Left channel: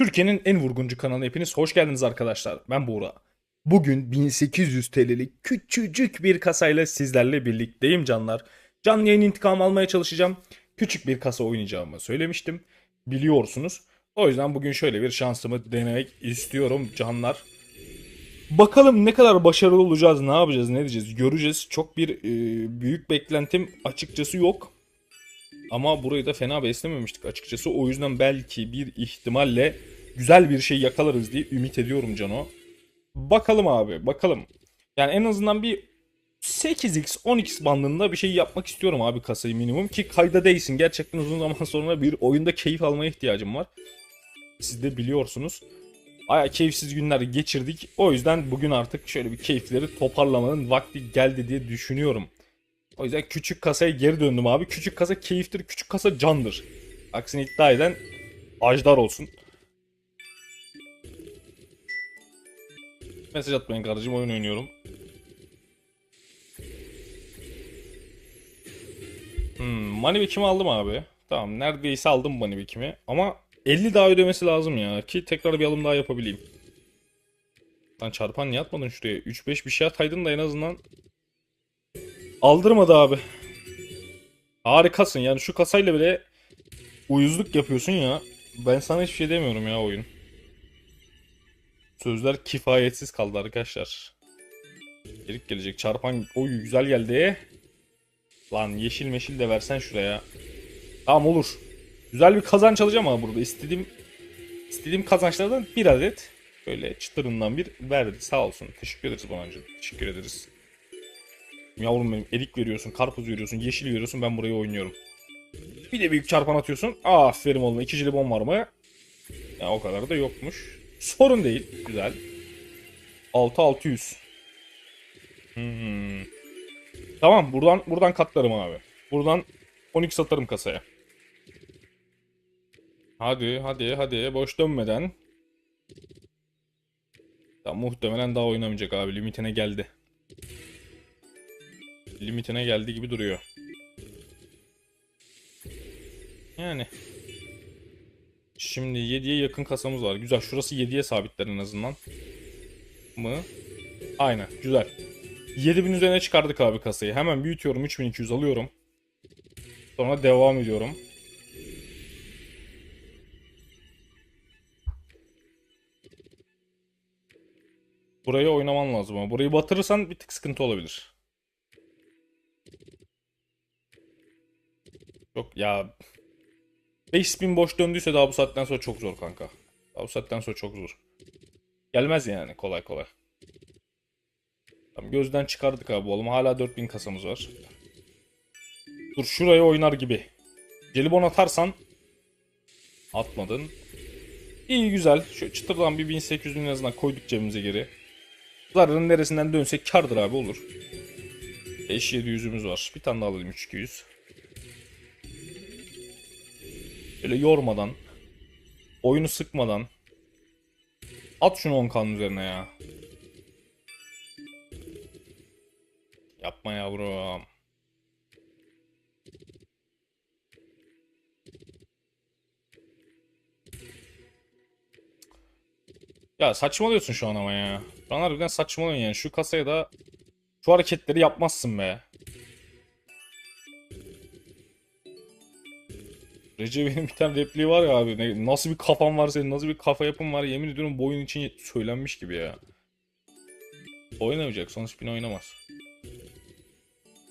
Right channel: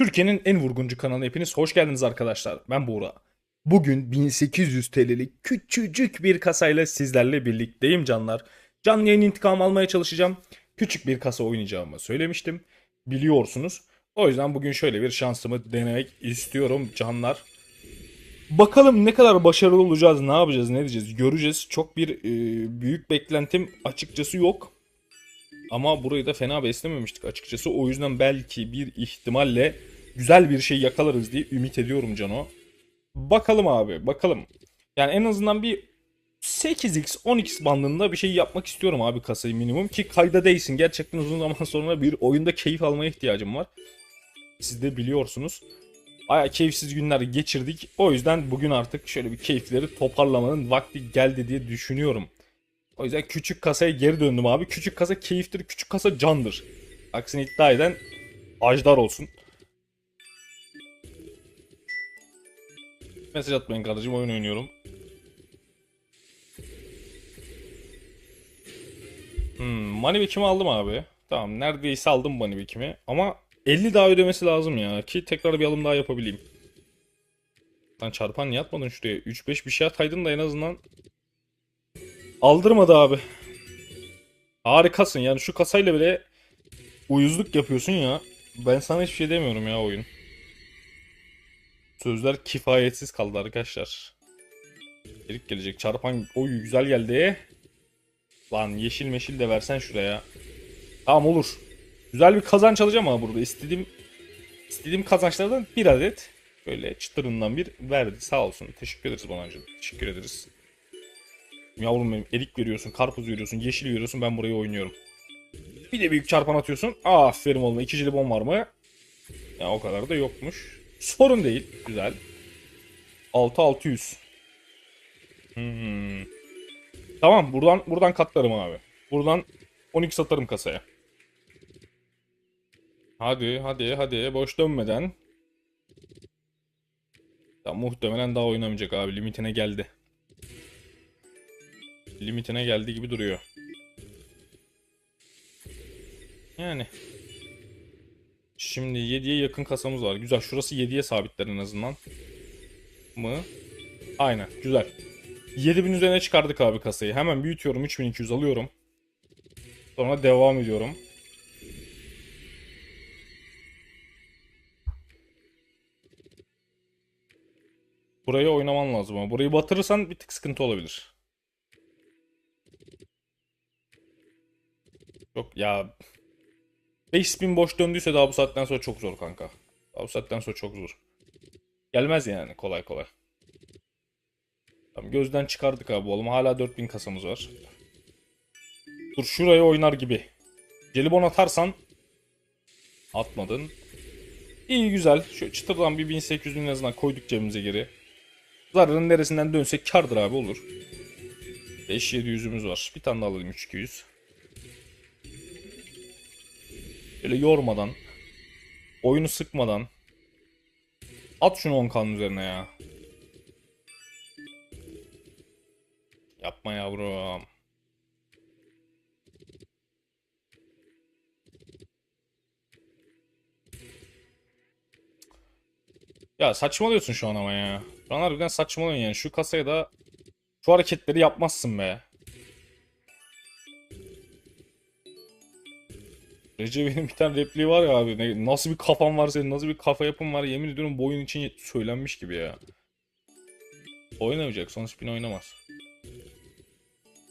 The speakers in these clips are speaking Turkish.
Türkiye'nin en vurguncu kanalına hepiniz hoş geldiniz arkadaşlar. Ben Buğra. Bugün 1800 TL'lik küçücük bir kasayla sizlerle birlikteyim canlar. Canlı yayın intikam almaya çalışacağım. Küçük bir kasa oynayacağımı söylemiştim. Biliyorsunuz. O yüzden bugün şöyle bir şansımı denemek istiyorum canlar. Bakalım ne kadar başarılı olacağız, ne yapacağız, ne diyeceğiz göreceğiz. Çok bir e, büyük beklentim açıkçası yok. Ama burayı da fena beslememiştik açıkçası. O yüzden belki bir ihtimalle güzel bir şey yakalarız diye ümit ediyorum Cano. Bakalım abi bakalım. Yani en azından bir 8x 10x bandında bir şey yapmak istiyorum abi kasayı minimum ki kayda değilsin. Gerçekten uzun zaman sonra bir oyunda keyif almaya ihtiyacım var. Siz de biliyorsunuz. Baya keyifsiz günler geçirdik. O yüzden bugün artık şöyle bir keyifleri toparlamanın vakti geldi diye düşünüyorum. O yüzden küçük kasaya geri döndüm abi. Küçük kasa keyiftir, küçük kasa candır. Aksini iddia eden ajdar olsun. Mesaj atmayın kardeşim oyun oynuyorum. Hmm, money back'imi aldım abi. Tamam neredeyse aldım money back'imi. Ama 50 daha ödemesi lazım ya. Ki tekrar bir alım daha yapabileyim. Lan çarpan niye atmadın şuraya? 3-5 bir şey ataydın da en azından. Aldırmadı abi. Harikasın yani şu kasayla bile uyuzluk yapıyorsun ya. Ben sana hiçbir şey demiyorum ya oyun. Sözler kifayetsiz kaldı arkadaşlar. Gelik gelecek çarpan. Oy güzel geldi. Lan yeşil meşil de versen şuraya. Tamam olur. Güzel bir kazanç alacağım ama burada. istediğim istediğim kazançlardan bir adet böyle çıtırından bir verdi. Sağ olsun. Teşekkür ederiz Bonancığım. Teşekkür ederiz. Yavrum benim erik veriyorsun, karpuz veriyorsun, yeşil veriyorsun ben burayı oynuyorum. Bir de büyük çarpan atıyorsun. Aferin oğlum. İki jelibon var mı? Ya o kadar da yokmuş. Sorun değil. Güzel. 6600. Hmm. Tamam buradan buradan katlarım abi. Buradan 12 satarım kasaya. Hadi hadi hadi boş dönmeden. Ya muhtemelen daha oynamayacak abi limitine geldi. Limitine geldi gibi duruyor. Yani. Şimdi 7'ye yakın kasamız var. Güzel. Şurası 7'ye sabitler en azından. Ama aynen. Güzel. 7000 üzerine çıkardık abi kasayı. Hemen büyütüyorum. 3200 alıyorum. Sonra devam ediyorum. Burayı oynaman lazım ama. Burayı batırırsan bir tık sıkıntı olabilir. Yok ya 5000 boş döndüyse daha bu saatten sonra çok zor kanka. Daha bu saatten sonra çok zor. Gelmez yani kolay kolay. Tamam, gözden çıkardık abi oğlum. Hala 4000 kasamız var. Dur şuraya oynar gibi. Jelibon atarsan atmadın. İyi güzel. Şu çıtırdan bir 1800'ün en azından koyduk cebimize geri. Zararın neresinden dönsek kardır abi olur. 5-700'ümüz var. Bir tane daha alalım 3200. Böyle yormadan, oyunu sıkmadan at şunu 10 üzerine ya. Yapma yavrum. Ya saçmalıyorsun şu an ama ya. An harbiden saçmalıyorsun ya. Şu kasaya da şu hareketleri yapmazsın be. Recep'in bir tane repliği var ya abi. Nasıl bir kafan var senin, nasıl bir kafa yapın var yemin ediyorum bu oyun için söylenmiş gibi ya. Oynamayacak, son spin oynamaz.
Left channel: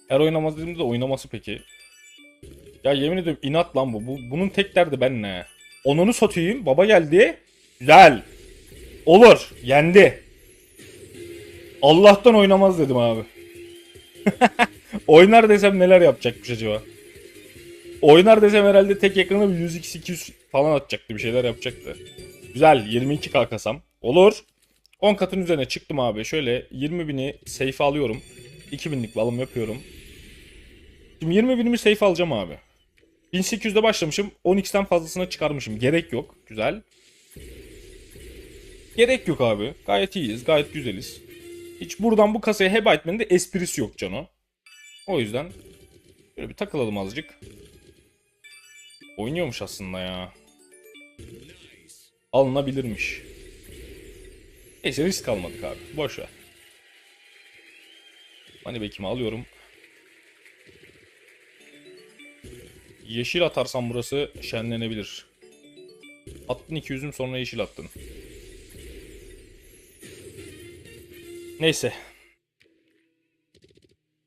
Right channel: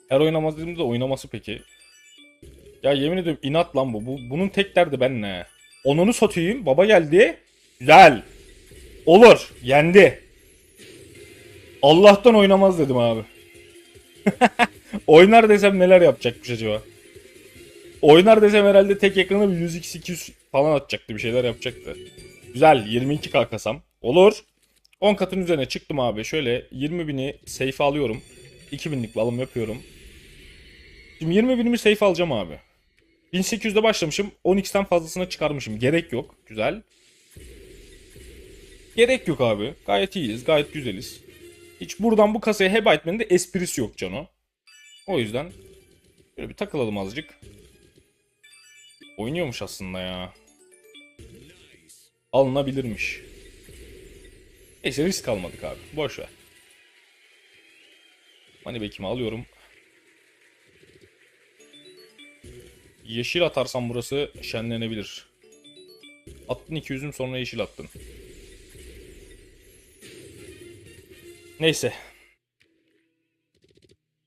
Her oynamaz dediğimde oynaması peki. Ya yemin ediyorum inat lan bu. bu bunun tek derdi ben ne? Onunu satayım, baba geldi. Güzel. Olur, yendi. Allah'tan oynamaz dedim abi. Oynar desem neler yapacakmış acaba? Oynar desem herhalde tek ekranı 100x200 falan atacaktı bir şeyler yapacaktı. Güzel 22k kasam. Olur. 10 katın üzerine çıktım abi. Şöyle 20 bini safe alıyorum. 2000'lik bir alım yapıyorum. Şimdi 20 binimi safe alacağım abi. 1800'de başlamışım. 12'den fazlasına çıkarmışım. Gerek yok. Güzel. Gerek yok abi. Gayet iyiyiz. Gayet güzeliz. Hiç buradan bu kasaya heba etmenin de esprisi yok Cano. O yüzden böyle bir takılalım azıcık. Oynuyormuş aslında ya. alınabilirmiş. Neyse risk almadık abi. Boş ver. Hani bekimi alıyorum. Yeşil atarsam burası şenlenebilir. Attın 200'üm sonra yeşil attın. Neyse.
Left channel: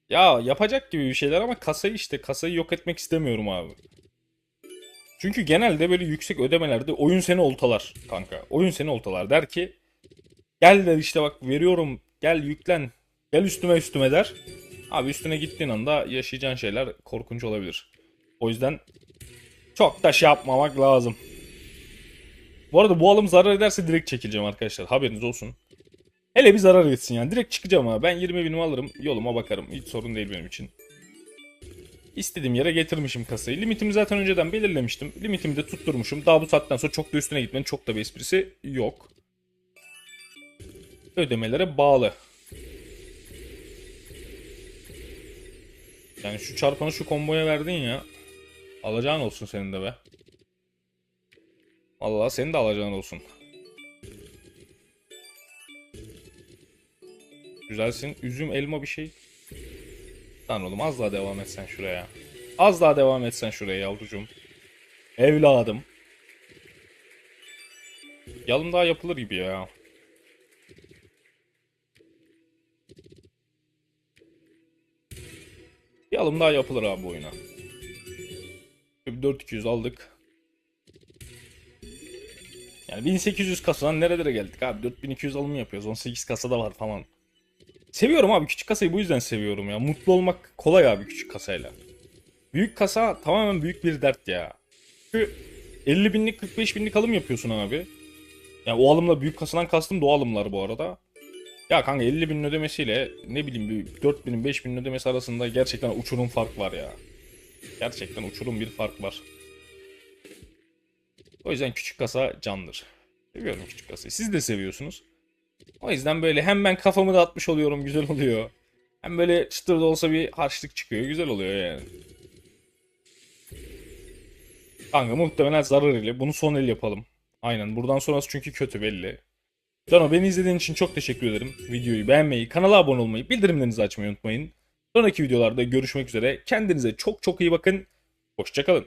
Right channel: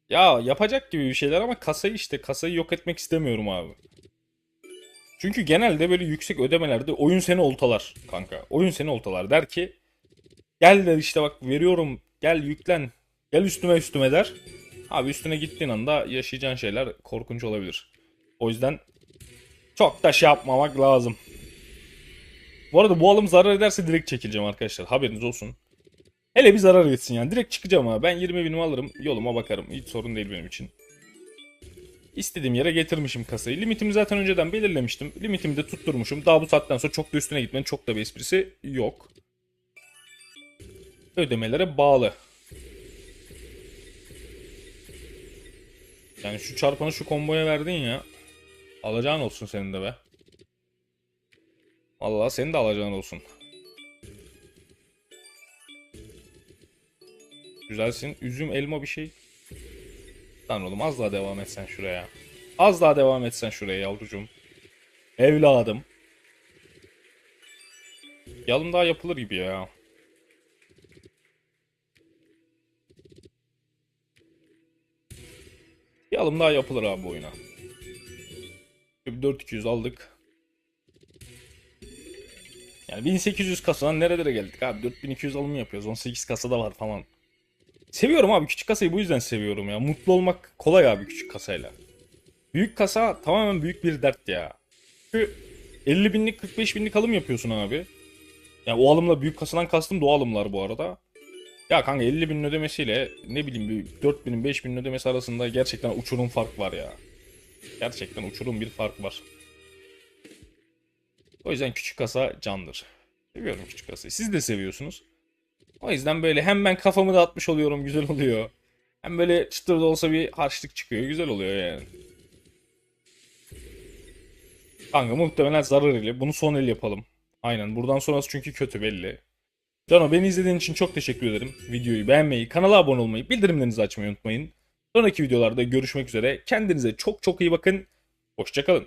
Ya yapacak gibi bir şeyler ama kasayı işte kasayı yok etmek istemiyorum abi. Çünkü genelde böyle yüksek ödemelerde oyun seni oltalar kanka. Oyun seni oltalar der ki gel işte bak veriyorum gel yüklen gel üstüme üstüme der. Abi üstüne gittiğin anda yaşayacağın şeyler korkunç olabilir. O yüzden çok da şey yapmamak lazım. Bu arada bu alım zarar ederse direkt çekileceğim arkadaşlar. Haberiniz olsun. Hele bir zarar etsin yani. Direkt çıkacağım ha. Ben 20 binimi alırım. Yoluma bakarım. Hiç sorun değil benim için. İstediğim yere getirmişim kasayı. Limitimi zaten önceden belirlemiştim. Limitimi de tutturmuşum. Daha bu saatten sonra çok da üstüne gitmenin çok da bir esprisi yok. Ödemelere bağlı. Yani şu çarpanı şu komboya verdin ya. Alacağın olsun senin de be. Vallahi senin de alacağın olsun. Güzelsin. Üzüm, elma bir şey. Tamam oğlum az daha devam etsen şuraya. Az daha devam etsen şuraya yavrucuğum. Evladım. Yalın daha yapılır gibi ya. Bir alım daha yapılır abi bu oyuna. 4200 aldık. Yani 1800 kasadan nerelere geldik abi? 4200 alım yapıyoruz. 18 kasada var falan. Seviyorum abi küçük kasayı bu yüzden seviyorum ya. Mutlu olmak kolay abi küçük kasayla. Büyük kasa tamamen büyük bir dert ya. Çünkü 50 binlik 45 binlik alım yapıyorsun abi. Yani o alımla büyük kasadan kastım da alımlar bu arada. Ya kanka 50 bin ödemesiyle ne bileyim bir 4 binin 5 binin ödemesi arasında gerçekten uçurum fark var ya. Gerçekten uçurum bir fark var. O yüzden küçük kasa candır. Seviyorum küçük kasayı. Siz de seviyorsunuz. O yüzden böyle hem ben kafamı dağıtmış oluyorum güzel oluyor. Hem böyle çıtır da olsa bir harçlık çıkıyor güzel oluyor yani. Kanka muhtemelen zarar ile bunu son el yapalım. Aynen buradan sonrası çünkü kötü belli. Cano beni izlediğin için çok teşekkür ederim. Videoyu beğenmeyi, kanala abone olmayı, bildirimlerinizi açmayı unutmayın. Sonraki videolarda görüşmek üzere. Kendinize çok çok iyi bakın. Hoşçakalın.